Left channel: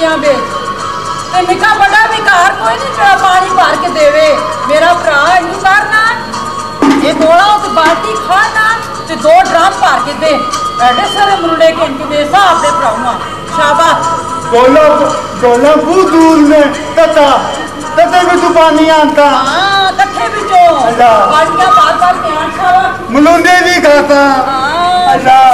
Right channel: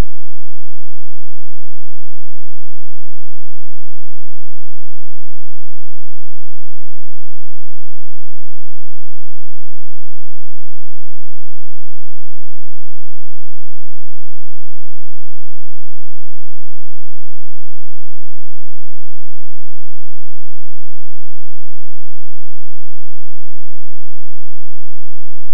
चीज़ों पे ते निका बड़ा भी कार कोई नहीं जो पानी भर के देवे। मेरा भरा इनू करना ये थोड़ा उस बाल्टी खाना ते 2 ड्रम भर के दे एडे सारे मुंडे के इनके दे सा अपने भरावा शाबाश। गोला गोला बहुत दूर में तते भी तू पानी आता। हाँ कट्ठे भी जो बाल्टियां बार के आन शाबाश। मुलुंडे भी खाता। अल्लाह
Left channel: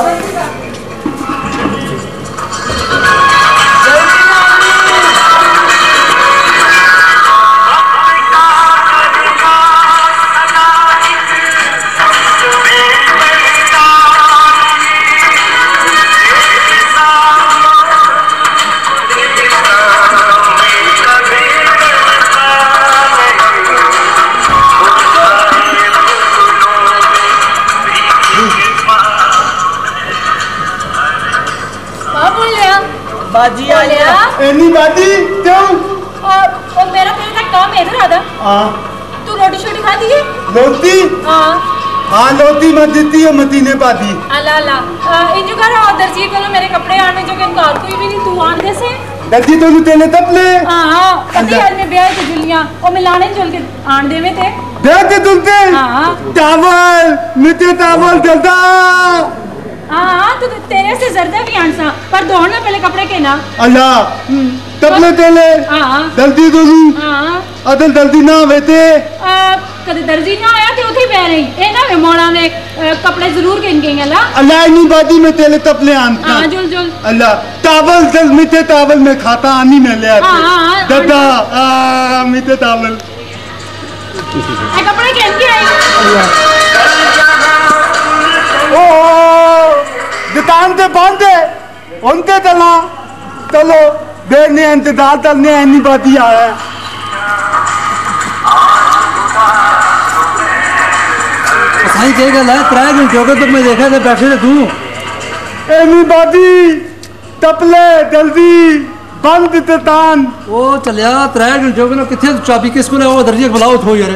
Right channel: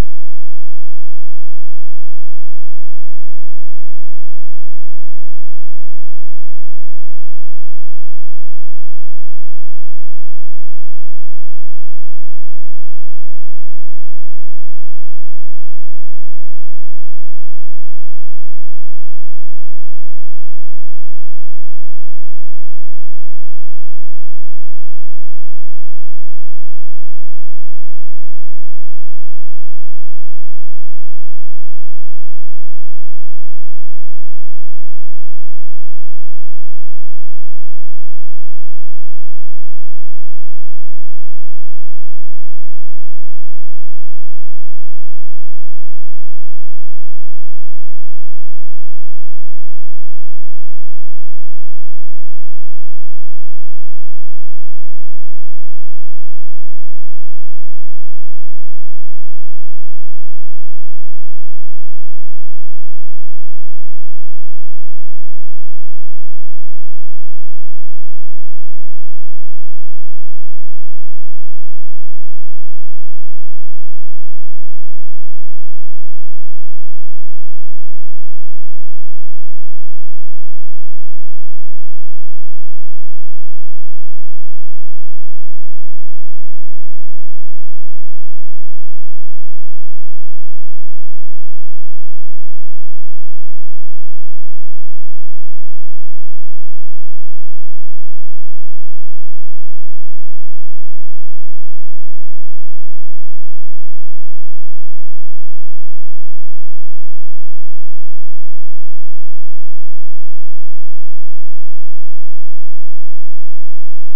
बाजी आ गया। एनी बाजी क्यों? और मेरा तेरे तक काम है इधर आधा। हाँ तू रोटी शोटी खा दी है? लोती? हाँ लोती मत देती है मती ने पाती। अल्लाह अल्लाह इन जो कर और दर्जी को मेरे कपड़े आने जो के कार कोई भी नहीं तू आन दे से दर्जी तो तेने तपले। हां कदी आज में ब्याह के जुलियां ओ मिलाने जुल के आन देवे थे ब्याह के दुलते। हां टावल मिते टावल जल्दा। हाँ तो तेरे से जर्दा भी आंसा पर दौड़ना पहले कपड़े के ना। अल्लाह तबले तेले जल्दी दोलू। अदल जल्दी ना वेते कदे दर्जी ना आया ते उठी पै रही ए ना वे मोड़ा ने कपड़े जरूर किन गई अल्लाह। अल्लाह इनी बादी में तेले तबले आंसा। हां जुल जुल अल्लाह टावल जल मिते टावल में खाता आनी में ले आते। हां दादा मिते टावल ए कपड़े किन के आई। अल्लाह दुकान से बांधे उनके चला चलो देखने इंतजार करने इन्नी बाती आ है। सही कह गल है 3 घंटे हो गए तो मैं देखा था बैठे थे तू इन्नी बाती तपले जल्दी बंद दुकान। ओ चलिया 3 घंटे हो गए ना किथे चाबी किस को ले वो दर्जी बुलाओ थो यार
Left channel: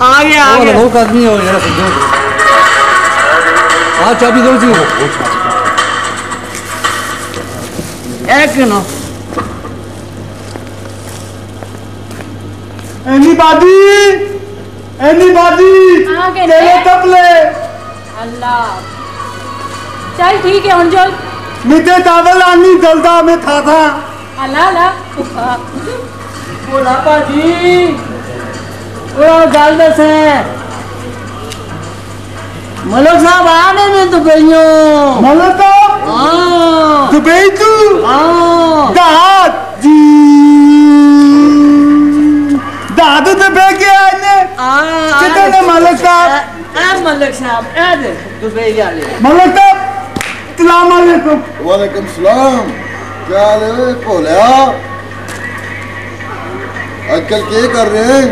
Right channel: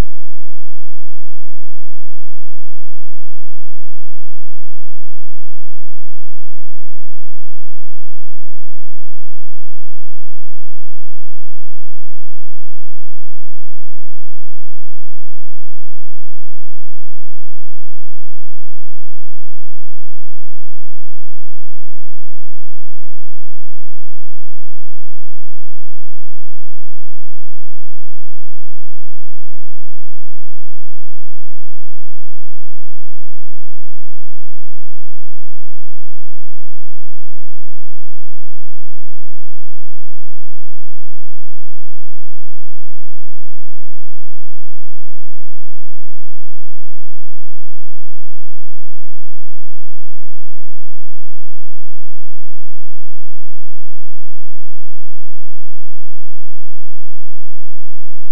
आ गया लोग आदमी हो यार समझो। हाँ चाबी दो जी एक नो एनी बादी तेरे तपले। अल्लाह चल ठीक है हुन चल मिते टावल आनी जल्दा में था अल्लाह अल्लाह बोला पाजी ओ गल दस है मलक साहब आने में दुबईयो मलक हां दुबई तू हां दादू दुबई के आने कितने मलक साहब मलक साहब ए दे दुबई वाले मलक साहब अस्सलाम वालेकुम। वालेकुम सलाम क्या हाल है भोलिया आजकल क्या कर रहे हैं?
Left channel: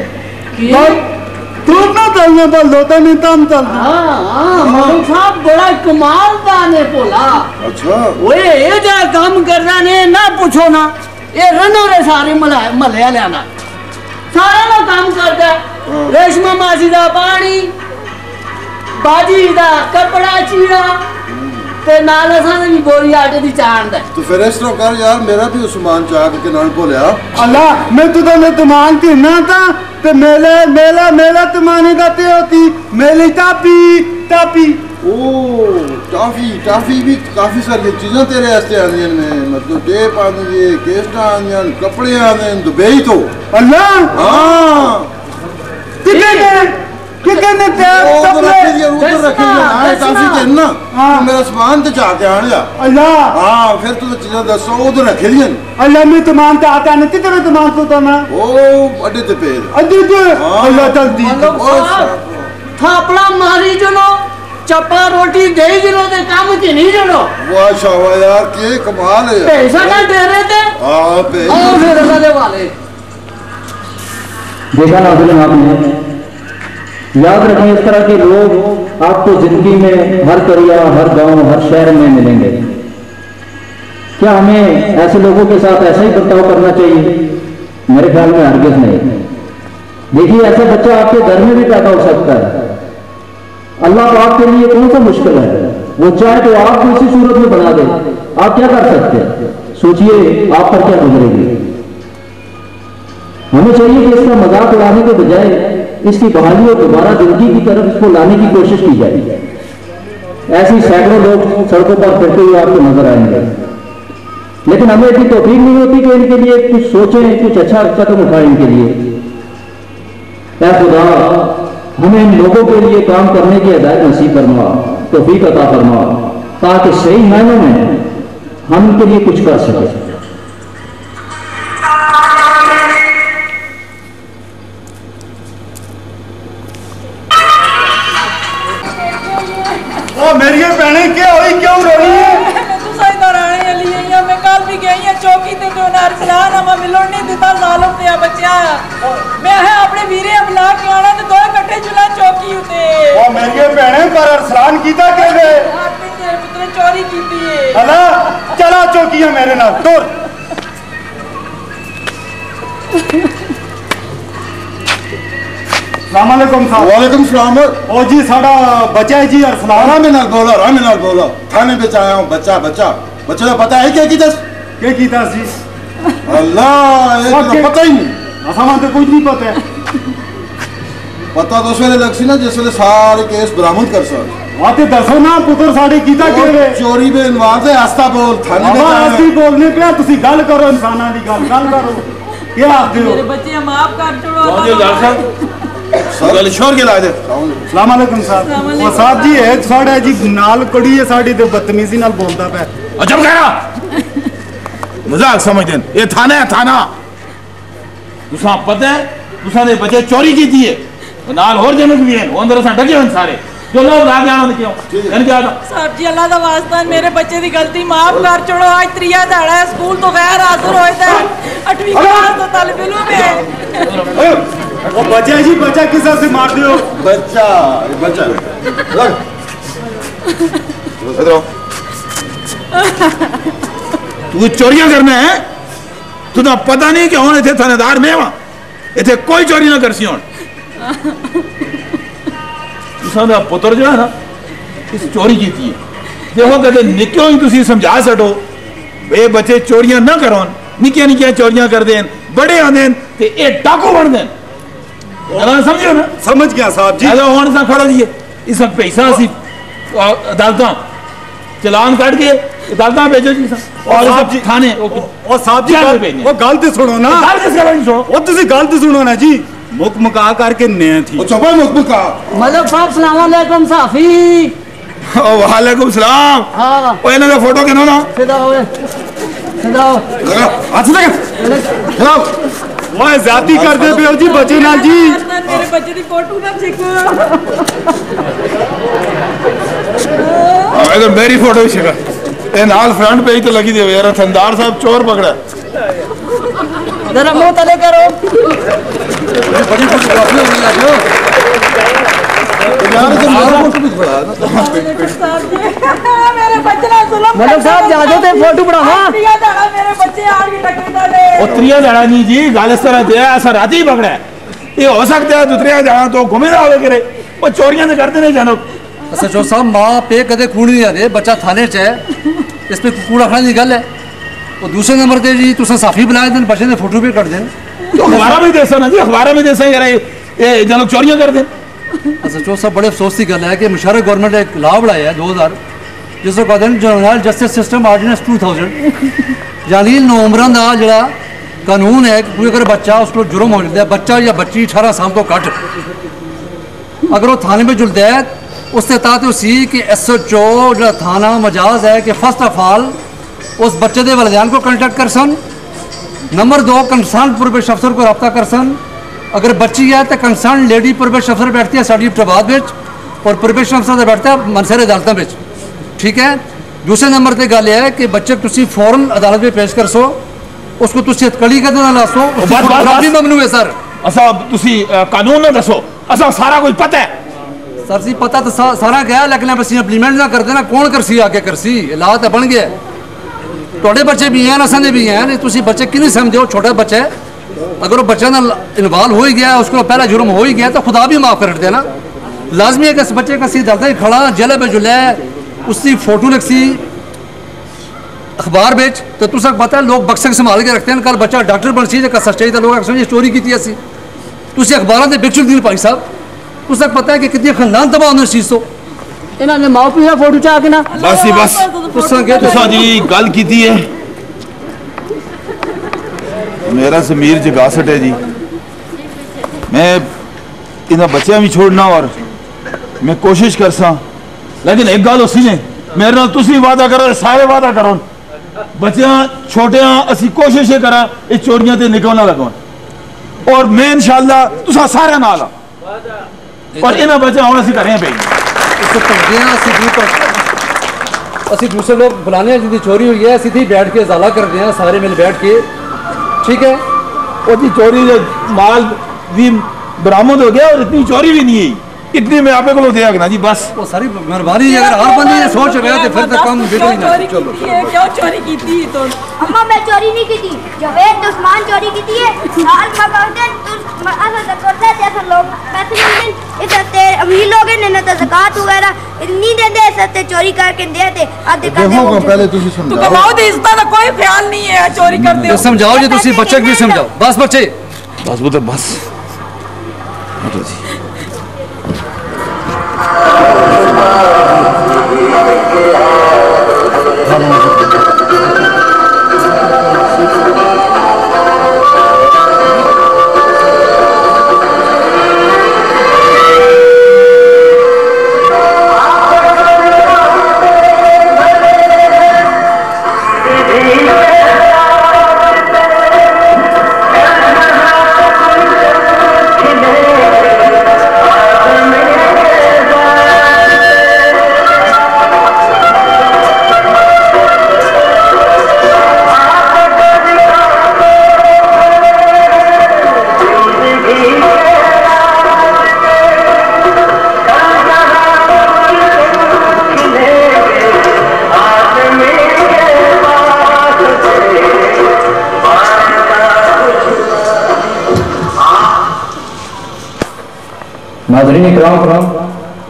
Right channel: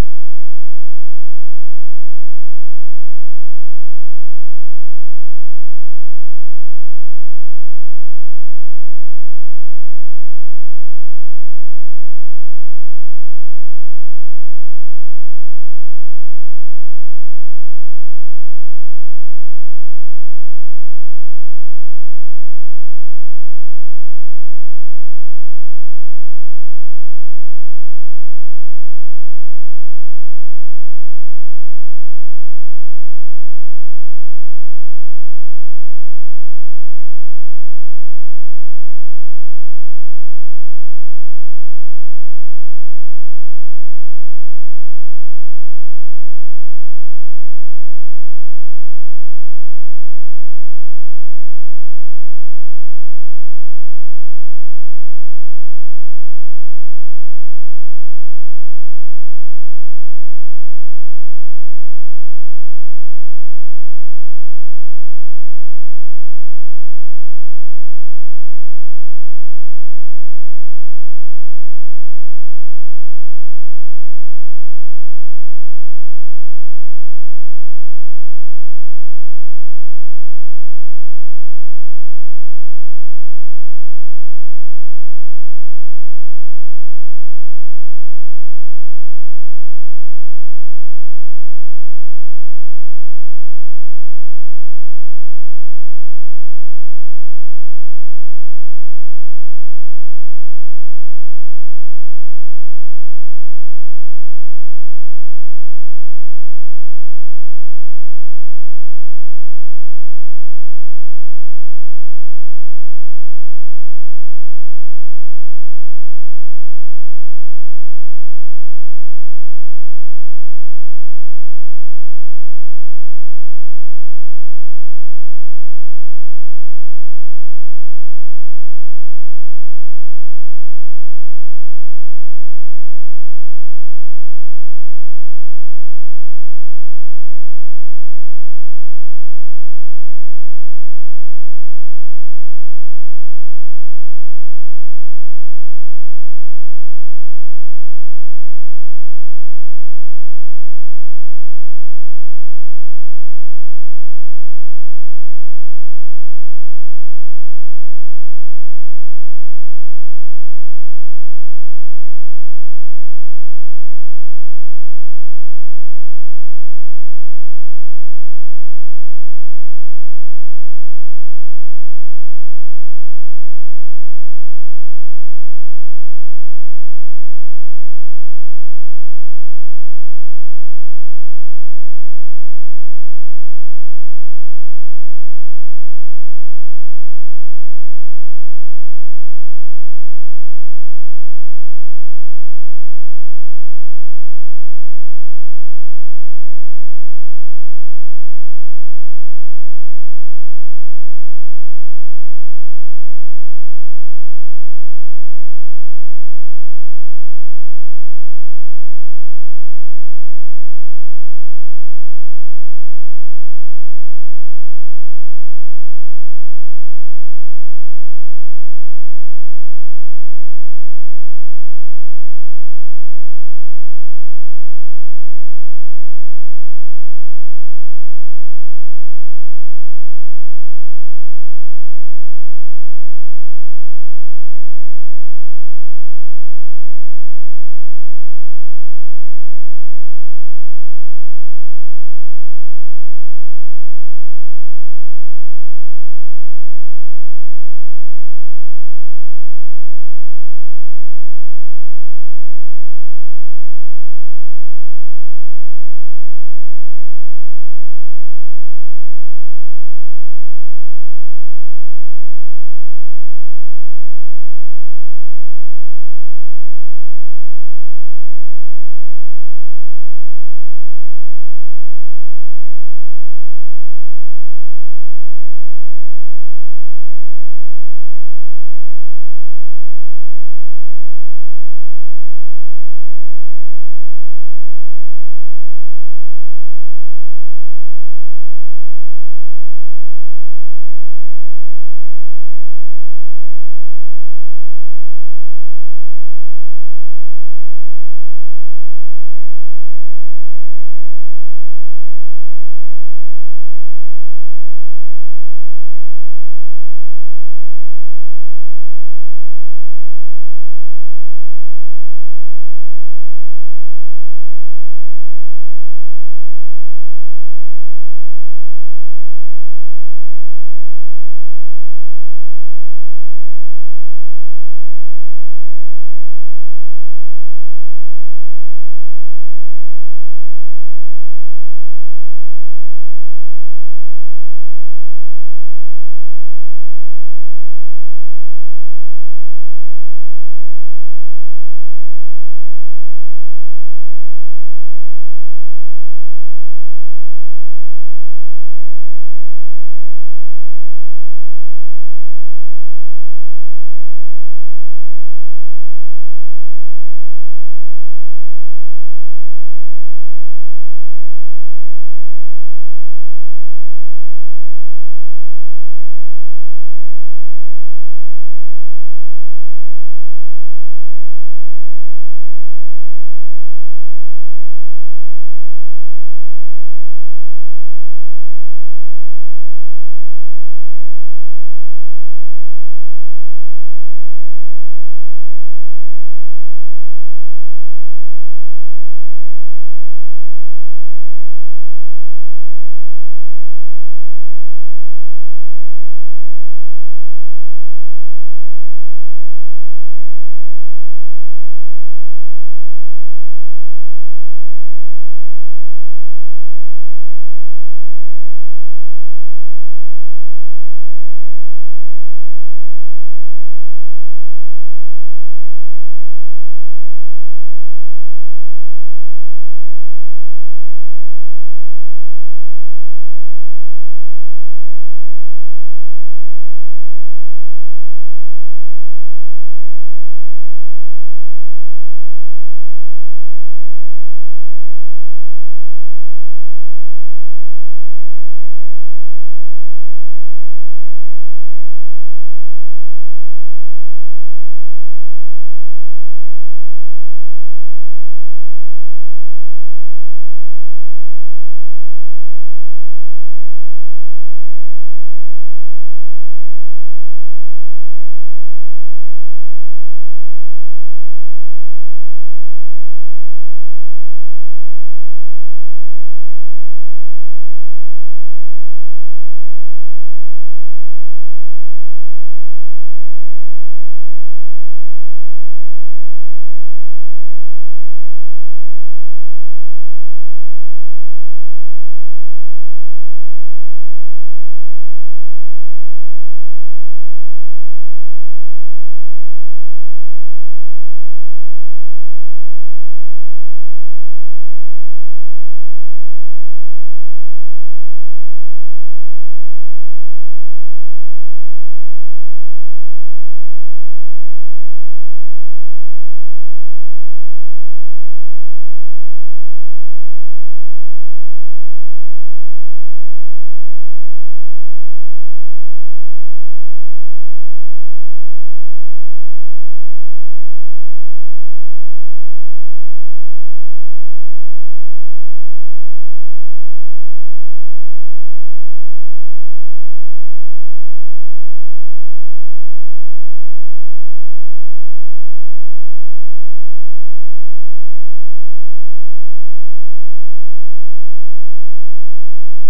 तू ना चलने पर लोटा नहीं तम चल। मलक साहब बड़ा कमाल का ने बोला। अच्छा ओए ये जा काम करना ने ना पूछो ना ये रनो रे सारे मलया लेना सारा ना काम करता है। रेशमा मासी दा पानी बाजी दा कपड़ा चीड़ा ते नाल असां दी बोरी आटे दी चांद है। तो फिर इस तरह कर यार मेरा भी उस्मान चाक के नाल बोलिया। अल्लाह मैं तो ने तुमान की ना था ते मेला तुमानी दाते होती मेली टापी टाफी भी काफी सारी चीजें तेरे वास्ते आंदियां ने मतलब टेप आंदी है केस्टा आंदियां कपड़े आंदे दुबई तो। अल्लाह हां कितने मेरा सामान तो जाके आने जा। अल्लाह हाँ फिर तू चीज़ें दसो उधर रखे लिया अल्लाह मैं तुमान तो आता नहीं कितने तुमान तो था ना ओ अड्डे ते पेड़ अड्डे ते अल्लाह जल्दी थापड़ा मारी जनो चप्पा रोटी दे जनो ते काम की नहीं जनो। वाह शाबाश यार के कमाल है। पैसा ना दे रहे थे हां पैसा फिर लगे वाले देखा ना आपने याद रखें इस तरह के लोग आपको जिंदगी में हर करिया हर गांव हर शहर में मिलेंगे। क्या हमें ऐसे लोगों के साथ ऐसा ही बर्ताव करना चाहिए? मेरे ख्याल में हरगिज़ नहीं। देखिए ऐसे बच्चा आपके घर में भी पैदा हो सकता है अल्लाह पाक के लिए कौन सा मुश्किल है? वो चाहे तो आपको इसी सूरत में बना दे, आप क्या कर सकते हैं? सोचिए आप पर क्या गुजरेगी। हमें चाहिए कि इसका मजाक उड़ाने के बजाय इसकी बहाली और दोबारा जिंदगी की तरफ इसको लाने की कोशिश की जाए। ऐसी सैकड़ों लोग सड़कों पर फिरते हुए आपको नजर आएंगे, लेकिन हमें इतनी तौफीक नहीं होती कि इनके लिए कुछ सोचें, कुछ अच्छा कदम उठाएं इनके लिए। ऐ खुदा, हमें इन लोगों के लिए काम करने की हिदायत नसीब फरमा, तौफीक अता फरमा, ताकि सही मायनों में हम इनके लिए कुछ कर सकें। मेरी भैने क्या हुई, क्यों रो रही है? मैं कल भी गई चौकी ते तो अरसलान हमें मिलन नहीं दिता जालम ते बच्चा। मैं है अपने वीरे बुला के आना ते दो इकट्ठे चुला चौकी उते। ओ मेरी भैने पर अरसलान कीता कैसे? आपने तेरे पुत्र चोरी कीती है। हला चला चौकियां मेरे नाल दूर। अस्सलामुअलैकुम साहब। वालेकुम सलाम। ओ जी साड़ा बच्चा है जी अरसलान। आराम नाल बोलो थाने पे आया हूं। बच्चा बच्चे का पता है क्या कीता जी? अल्लाह ये तो पता ही नहीं। असां तो कुछ नहीं पता है। पता तो उस वेले लग सी ना जिस वेले सारे केस बरामद कर सक। आते दसो ना पुत्र साडे कीता केवे? चोरी में इन्वाल है। आस्ता बोल थाने पे आया। आस्ती बोलने पे तुसी गल करो, इंसानां दी गल करो। क्या आखदे हो? मेरे बच्चे माफ कर छोड़ो। गल शोर के ला दे। अस्सलाम वालेकुम साहब। वो साहब जी है साडा जी नाल कड़ी है साडी ते बदतमीजी नाल बोलदा पे। अजब कह मजाक समझदे ये थाना है थाना। तुसा पता है तुसा ने बच्चे चोरी की थी है नाल और जनक भी है अंदर सा डगे हैं सारे जो लोग लागे आने क्यों कन क्या था साहब जी अल्लाह दा वास्ता मेरे बच्चे दी गलती माफ कर छोड़ो। आज त्रिया दाड़ा है स्कूल तो गैर हाजिर होए थे 8वीं क्लास तो तालिब इल्म में। वो बच्चा जी बच्चा किसा से मार दियो? बच्चा लग इधर तू चोरियां करना है तू तो पता नहीं कि हुन इथे थानेदार में वा इथे कोई चोरी ना करसी हुन। तुसा पुत्र जो है ना इस चोरी की थी देखो कदे निक्यों ही तुसी समझा सको वे बच्चे चोरियां ना करो निक्कियां निक्कियां चोरियां कर देन बड़े आंदे ते ए डाकू बन देन। समझो ना? समझ गया साहब जी। हुन सा खड़ा दिए इस पैसा सी अदालत चलान काट के अदालत भेजो जी साहब जी थाने। और साहब जी वो गल ते सुनो ना। गल किस गल सुनो वो तुसी गल ते सुनो ना जी। मुकमुका करके नया थी। चुप मुकमुका मलिक साहब सलाम अलैकुम साफी। वालेकुम सलाम। हां ओ इना का फोटो केनो ना सीधा हो हाथ लगा चलो वो जाती कर दे बेओ जी बच्चे नाल जी। मेरे बच्चे दी फोटो ना छिको। अगर मेरी फोटो भी छिका ए नाल फ्रंट पेज तो लगी दे यार थंदार साहब चोर पकड़ा जरा मुंह तले करो। बड़ी फोटो आपने लगा यार तो मारो फोटो भी बड़ा मेरे बच्चे ना जुल्म मलिक साहब जादो ते फोटो बढ़ावा। त्रिया दाड़ा मेरे बच्चे आड़ के टक्के दे। ओ त्रिया दाड़ा नहीं जी गाल इस तरह दे ऐसा राती पकड़ा है ये हो सकता है दूसरे जाना तो घूमे ना आवे करे वो चोरियां तो करते नहीं जानो। अच्छा जो साहब मां पे कदे कूड़ नहीं आदे बच्चा थाने च है इस पे कूड़ा खाने की गल है। और दूसरे नंबर ते जी तुसा साफी बुलाए देन बच्चे ने फोटो भी कर देन तो अखबार में देसा ना जी अखबार में देसा यार ये जन चोरियां कर देन। अच्छा जो साहब बड़े अफसोस की गल है कि मुशर्रफ गवर्नमेंट ने एक लॉ बनाया है 2000 जिसको कहते हैं जुवेनाइल जस्टिस सिस्टम ऑर्डिनेंस 2000 यानी नौमरां दा जेड़ा कानून है कोई अगर बच्चा उसको जुर्म हो जाता है बच्चा या बच्ची 18 साल तो घट अगर वो थाने में जुलता है उससे तहत उसी कि SHO जो थाना मजाज है कि फर्स्ट ऑफ ऑल उस बच्चे के वालिदैन को कंटेक्ट कर सन। नंबर 2 कंसर्न प्रोबेशन अफसर को रब्ता कर सन। अगर बच्ची है तो कंसर्न लेडी प्रोबेशन अफसर बैठती है साड़ी इब्टाबाद में और प्रोबेशन अफसर बैठता है मनसर अदालत में। ठीक है। दूसरे नंबर पर गल है कि बच्चे तुसी फौरन अदालत में पेश कर सो उसको तुसी कड़ी कर ना लासो भी ममनू है सर। असा तुसी कानून ना दसो असा सारा कुछ पता है सर जी पता तो सारा गया लेकिन बस इंप्लीमेंट ना करते ना कौन करसी आगे करसी ला तो बन गया थोड़े बच्चे भी हैं असां दे भी हैं तुसी बच्चे कि नहीं समझो छोटा बच्चा है अगर वो बच्चा ना इन्वॉल्व हो ही गया उसको पहला जुर्म हो ही गया तो खुदा भी माफ कर देना लाजमी है कि इस बच्चे का सी दर्द है खड़ा जले पे जुले उसकी फोटो लिखसी अखबार बेच तो तुस पता है लोग बक्से संभाल के रखते हैं कल बच्चा डॉक्टर बन सी सच्चाई तो लोग चोरी की असी तुम अखबार से बिक चुकी भाई साहब तुस पता है कि कितनी खानदान तबाह होने इस चीज़ तो इन्होंने माओ पियो फोटो चा के ना बस ही बस तुसा जी गल की है मेरा जमीर जगासट है जी मैं इन्हें बच्चा भी छोड़ना और मैं कोशिश कर सा लेकिन एक गल उसी ने मेरे नाल तुसी वादा करो सारे वादा करो बच्चा छोटे असी कोशिश ये करा ये चोरियां ते निकलना लगो और मैं इंशाल्लाह तुसा सारे नाल और इन्हें बच्चा हम असी करें पे असि दूसरे लोग बुलाने हैं जिंदी चोरी हुई है सीधी बैठ के इजाला कर रहे हैं सारे मिल बैठ के ठीक है और जी चोरी माल भी बरामद हो गया और इतनी चोरी भी नहीं है इतनी मैं आपे को दिया ना जी बस वो सारी मेहरबानी अगर हर बंदे ये सोच रहे हैं तो फिर तक काम बिगड़ ही ना चलो क्यों चोरी की थी तो अम्मा मैं चोरी नहीं की थी जवेद उस्मान चोरी की थी साल में कहते तुम असल करते जैसे लोग पैसे मिलते इस ते अमीर लोग ने ना ज़कात वगैरह नहीं देते सत्ते चोरी करके देते आधे देखो को पहले तुसी तू समझाओ कमाओ दे इसका तो कोई ख्याल नहीं है चोरी करते हो समझाओ जी तुसी बच्चे भी समझाओ बस बच्चे बस वो तो बस हटो जी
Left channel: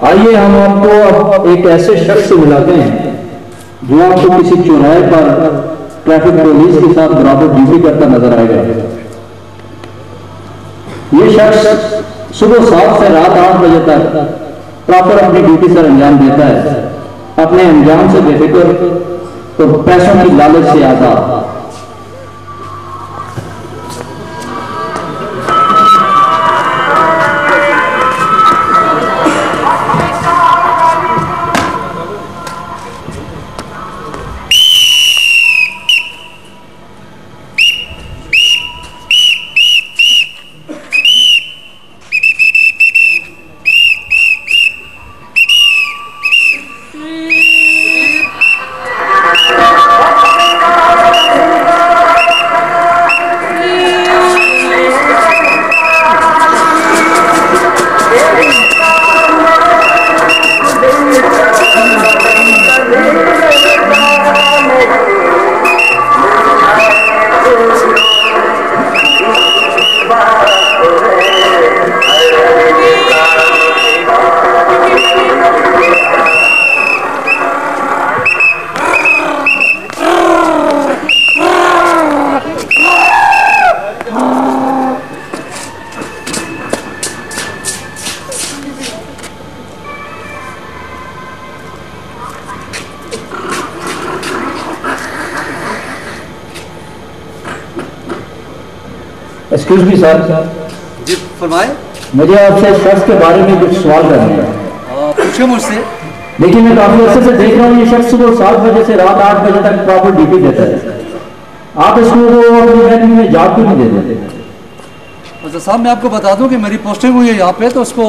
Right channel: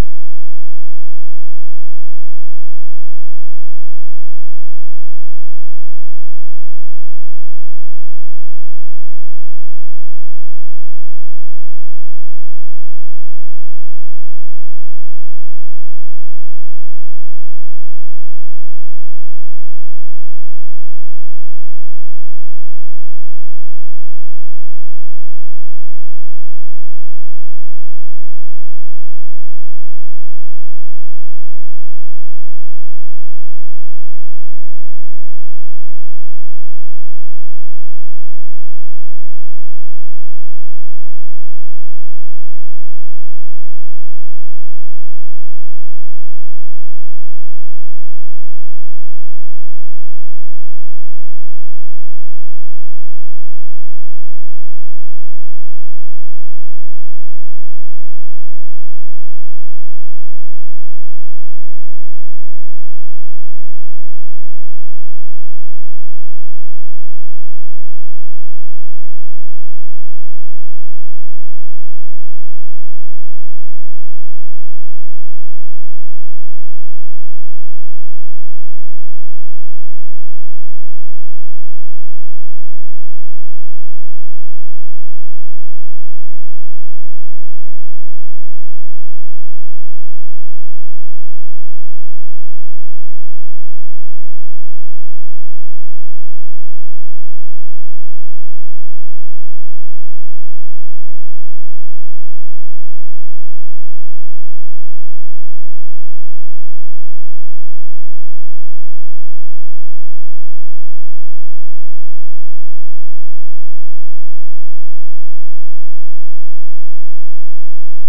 आइए हम आपको एक ऐसे शख्स से मिलाते हैं जो आपको किसी चौराहे पर ट्रैफिक पुलिस के साथ बराबर ड्यूटी करता नजर आएगा। ये शख्स सुबह 7 से रात 8 बजे तक प्रॉपर अपनी ड्यूटी सर अंजाम देता है, अपने अंजाम से बेफिक्र तो पैसों की लालच से आता। Excuse me sir. जी फरमाए। मुझे आपसे शख्स के बारे में कुछ सवाल करने हैं। पूछिए मुझसे। देखिए मैं काफी अर्से से देख रहा हूँ ये शख्स सुबह 7 बजे से रात 8 बजे तक प्रॉपर ड्यूटी देता है, आप इसको अपनी महकमे में जॉब क्यों नहीं देते? साहब मैं आपको बता दूं कि मेरी पोस्टिंग हुई है यहाँ पे तो उसको